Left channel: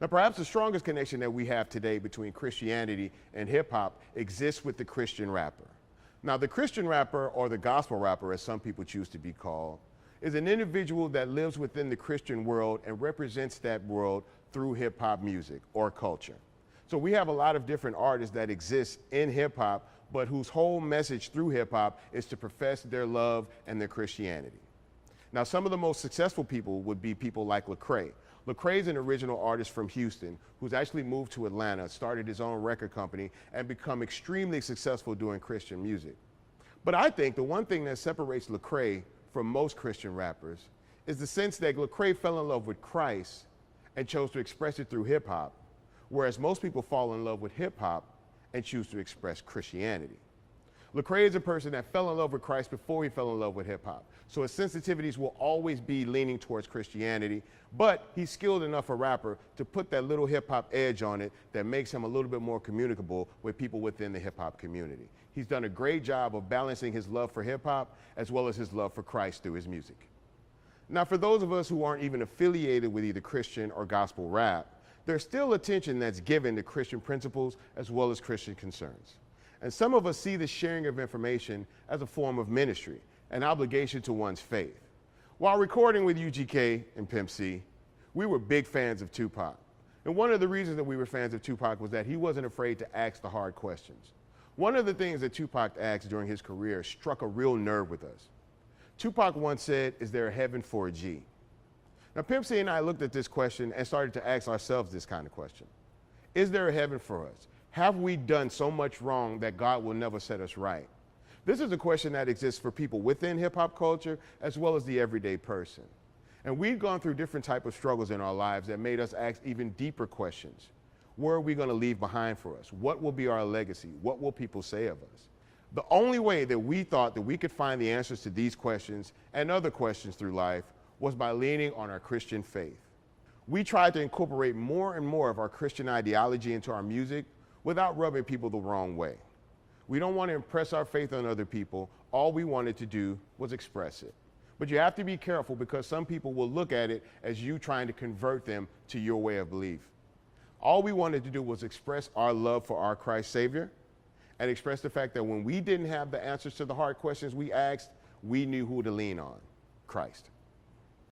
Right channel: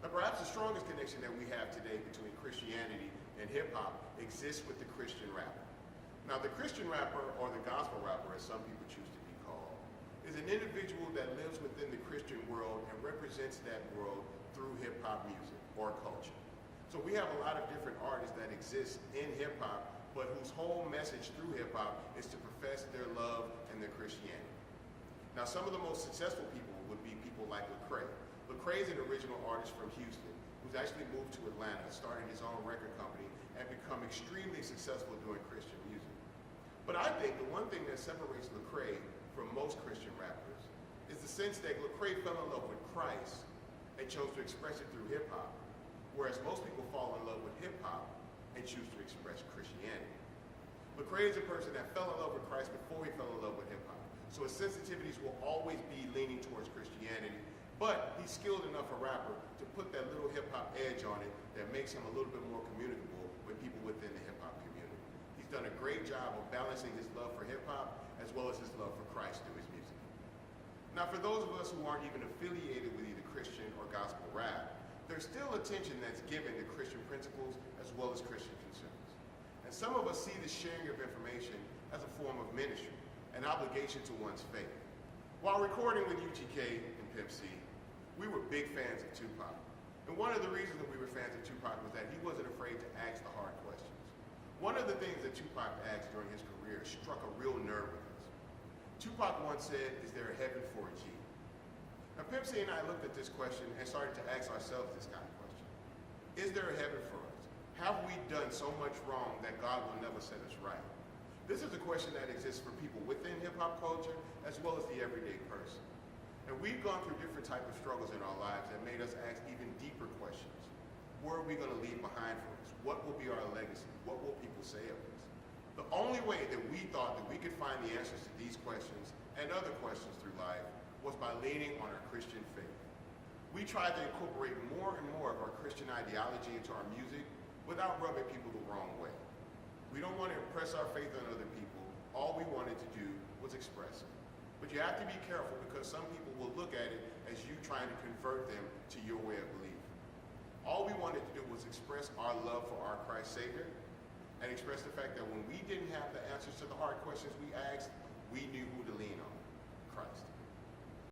Now, perhaps the strongest connection that we have today between Christianity and hip hop exists with the Christian rapper. Now, the Christian rapper, or the gospel rapper, as some people choose to be called, is an individual that lives within the Christian world and represents that world through hip hop music or culture. So we have a lot of different artists that exist in hip hop, but whose whole message through hip hop is to profess their love and their Christianity. Now, some of the most successful people would be people like Lecrae. Lecrae is an original artist from Houston who's actually moved to Atlanta, started his own record company, and become extremely successful doing Christian music. But I think the one thing that separates Lecrae from most Christian rappers is the sense that Lecrae fell in love with Christ and chose to express it through hip hop, whereas most people fall in love with hip hop and choose to express Christianity. Lecrae is a person that fell in love with Christ before he fell in love with hip hop. So his sensitivities will always be leaning towards Christianity, but he's skilled enough a rapper to put that little hip hop edge on it that makes him a little bit more communicable with people within the hip hop community. He's done a great job of balancing his love for hip hop as well as his love for Christ through his music. Now, for those of us who aren't even affiliated with either Christian or gospel rap, there's still attention that's given to Christian principles as well as Christian concerns. And some of us see the sharing of information as a form of ministry, an obligation to one's faith. While recording with UGK and Pimp C, we were big fans of Tupac. And one of the reasons that we were fans of Tupac was that he wasn't afraid to ask the hard questions. One of the things that Tupac asked during his career struck a real nerve with us. Tupac once said, "Is there a heaven for a G?" Now, Pimp C and I looked at this question and started to ask ourselves this kind of question. Is there a heaven for us? Have we done so much wrong that God will never set us right? This is a question that exists for people within hip hop culture as well as the everyday person. And we've gone through different types of struggles in our lives that made us ask even deeper questions. Where are we going to leave behind for us? What will be our legacy? What will people say of us? The only way that we thought that we could find the answers to these questions and other questions through life was by leaning on our Christian faith. We tried to incorporate more and more of our Christian ideology into our music without rubbing people the wrong way. We don't want to impress our faith on other people. All we wanted to do was express it. But you have to be careful because some people will look at it as you trying to convert them to your way of belief. All we wanted to do was express our love for our Christ Savior and express the fact that when we didn't have the answers to the hard questions we asked, we knew who to lean on: Christ.